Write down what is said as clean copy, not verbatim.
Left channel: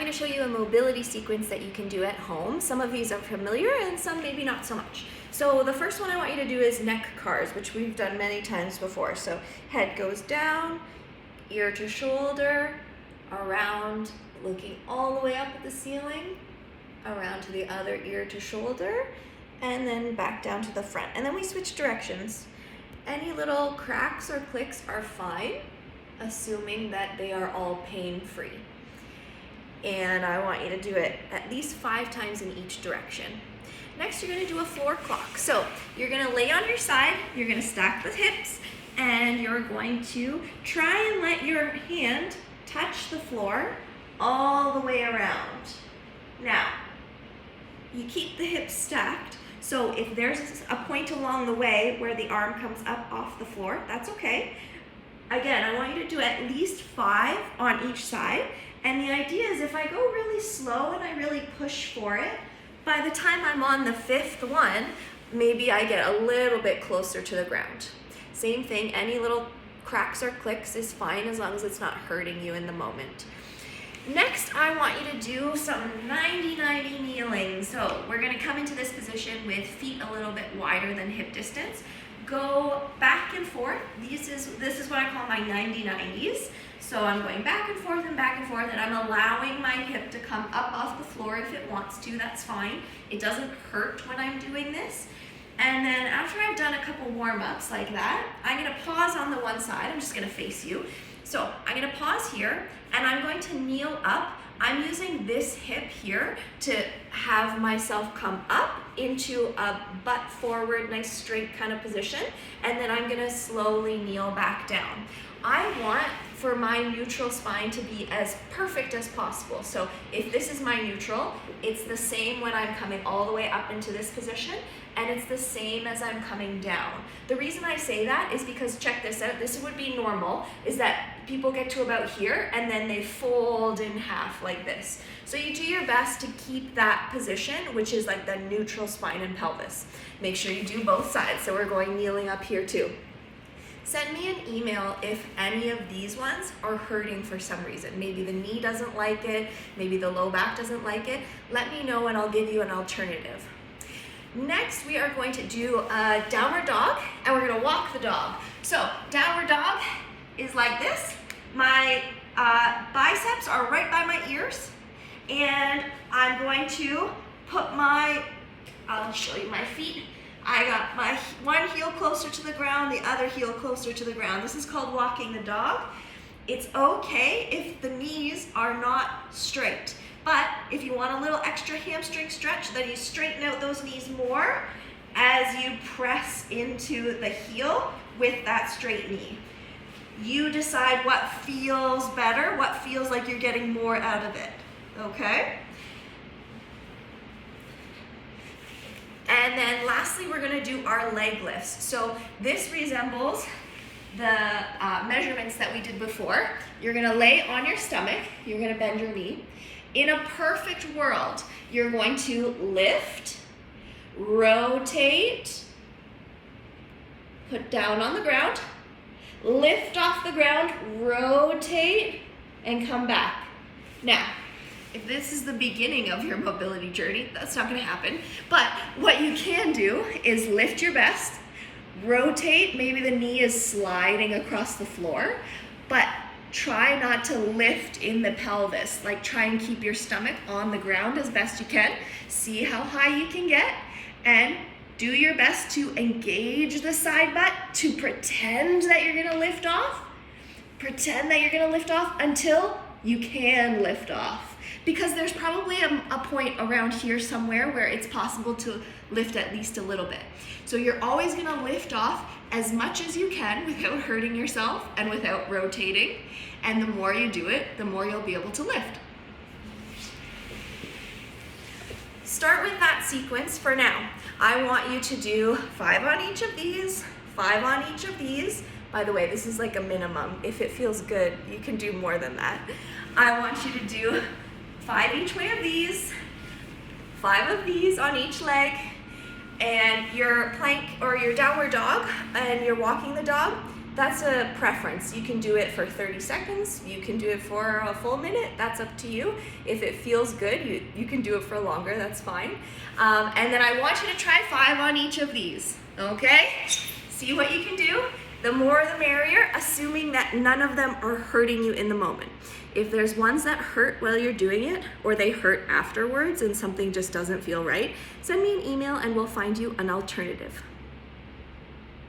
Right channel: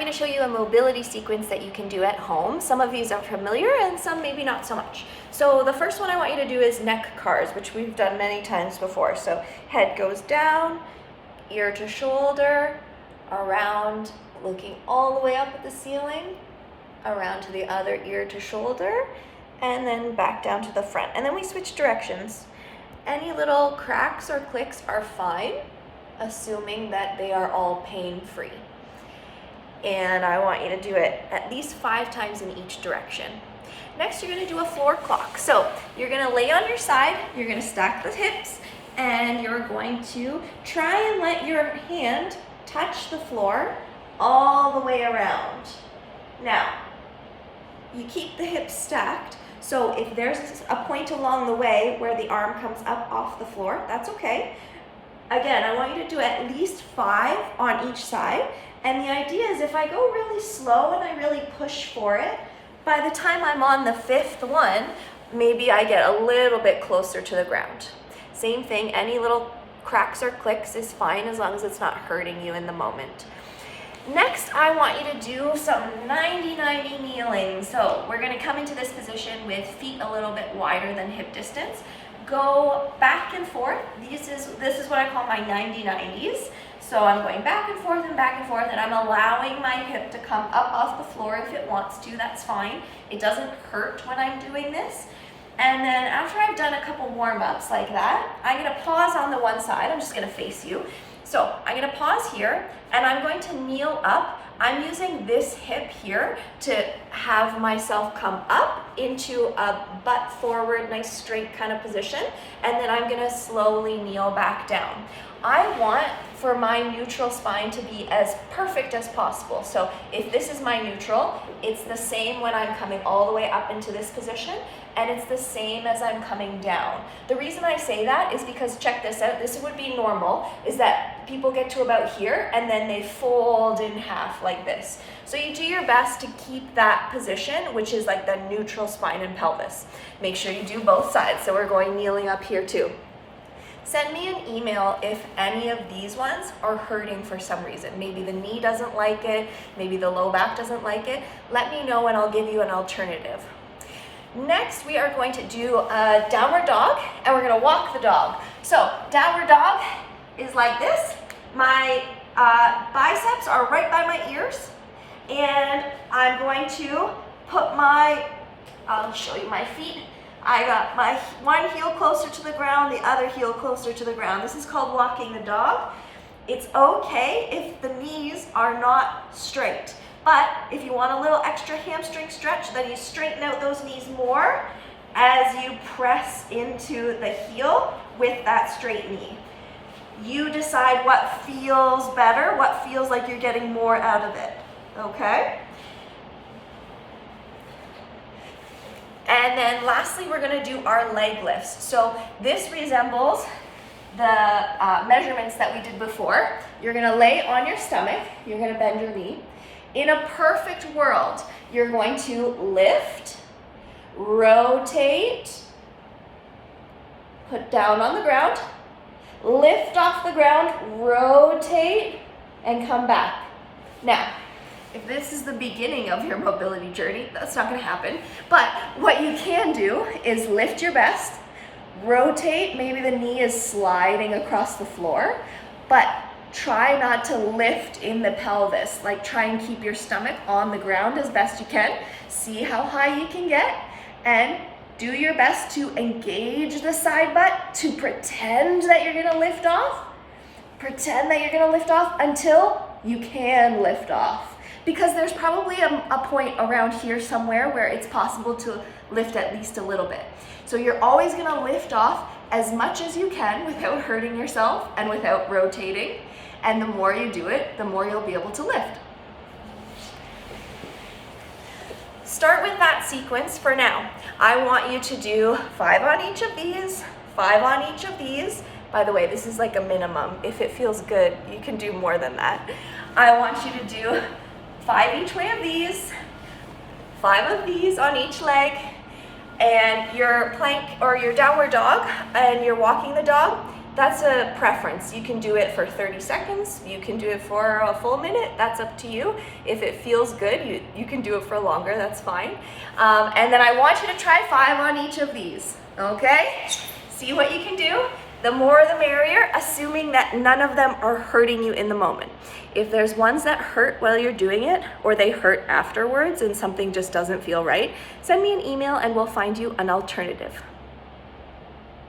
going to show you a mobility sequence that you can do at home. Some of these are familiar and some maybe not so much. So the first one I want you to do is neck cars, which we've done many times before. So head goes down, ear to shoulder, around, looking all the way up at the ceiling, around to the other ear to shoulder, and then back down to the front. And then we switch directions. Any little cracks or clicks are fine, assuming that they are all pain-free. And I want you to do it at least 5 times in each direction. Next, you're gonna do a floor clock. So you're gonna lay on your side, you're gonna stack the hips, and you're going to try and let your hand touch the floor all the way around. Now, you keep the hips stacked, so if there's a point along the way where the arm comes up off the floor, that's okay. Again, I want you to do at least 5 on each side. And the idea is if I go really slow and I really push for it, by the time I'm on the 5th one, maybe I get a little bit closer to the ground. Same thing, any little cracks or clicks is fine as long as it's not hurting you in the moment. Next, I want you to do some 90-90 kneeling. So we're gonna come into this position with feet a little bit wider than hip distance. Go back and forth. This is what I call my 90-90s. So I'm going back and forth, and I'm allowing my hip to come up off the floor if it wants to, that's fine. It doesn't hurt when I'm doing this. And then after I've done a couple warm-ups like that, I'm gonna pause on the one side. I'm just gonna face you. So I'm gonna pause here, and I'm going to kneel up. I'm using this hip here to have myself come up into a butt forward, nice straight kind of position, and then I'm gonna slowly kneel back down. I want for my neutral spine to be as perfect as possible. So if this is my neutral, it's the same when I'm coming all the way up into this position, and it's the same as I'm coming down. The reason I say that is because, check this out, this would be normal, is that people get to about here and then they fold in half like this. So you do your best to keep that position, which is like the neutral spine and pelvis. Make sure you do both sides. So we're going kneeling up here too. Send me an email if any of these ones are hurting for some reason. Maybe the knee doesn't like it, maybe the low back doesn't like it. Let me know and I'll give you an alternative. Next, we are going to do a downward dog, and we're gonna walk the dog. So downward dog is like this. My biceps are right by my ears, and I'm going to put I'll show you my feet. I got my one heel closer to the ground, the other heel closer to the ground. This is called walking the dog. It's okay if the knees are not straight, but if you want a little extra hamstring stretch, then you straighten out those knees more as you press into the heel with that straight knee. You decide what feels better, what feels like you're getting more out of it, okay? And then lastly, we're gonna do our leg lifts. So this resembles the measurements that we did before. You're gonna lay on your stomach, you're gonna bend your knee. In a perfect world, you're going to lift, rotate, put down on the ground, lift off the ground, rotate, and come back. Now, if this is the beginning of your mobility journey, that's not gonna happen. But what you can do is lift your best, rotate, maybe the knee is sliding across the floor, but try not to lift in the pelvis. Like, try and keep your stomach on the ground as best you can. See how high you can get, and do your best to engage the side butt to pretend that you're gonna lift off. Pretend that you're gonna lift off until you can lift off. Because there's probably a point around here somewhere where it's possible to lift at least a little bit. So you're always gonna lift off as much as you can without hurting yourself and without rotating. And the more you do it, the more you'll be able to lift. Start with that sequence for now. I want you to do 5 on each of these, 5 on each of these. By the way, this is like a minimum. If it feels good, you can do more than that. I want you to do 5 each way of these, 5 of these on each leg, and your plank or your downward dog, and you're walking the dog. that's a preference. You can do it for 30 seconds, you can do it for a full minute, that's up to you. If it feels good, you can do it for longer, that's fine. And then I want you to try 5 on each of these, okay? See what you can do. The more the merrier, assuming that none of them are hurting you in the moment. If there's ones that hurt while you're doing it, or they hurt afterwards and something just doesn't feel right, send me an email and we'll find you an alternative.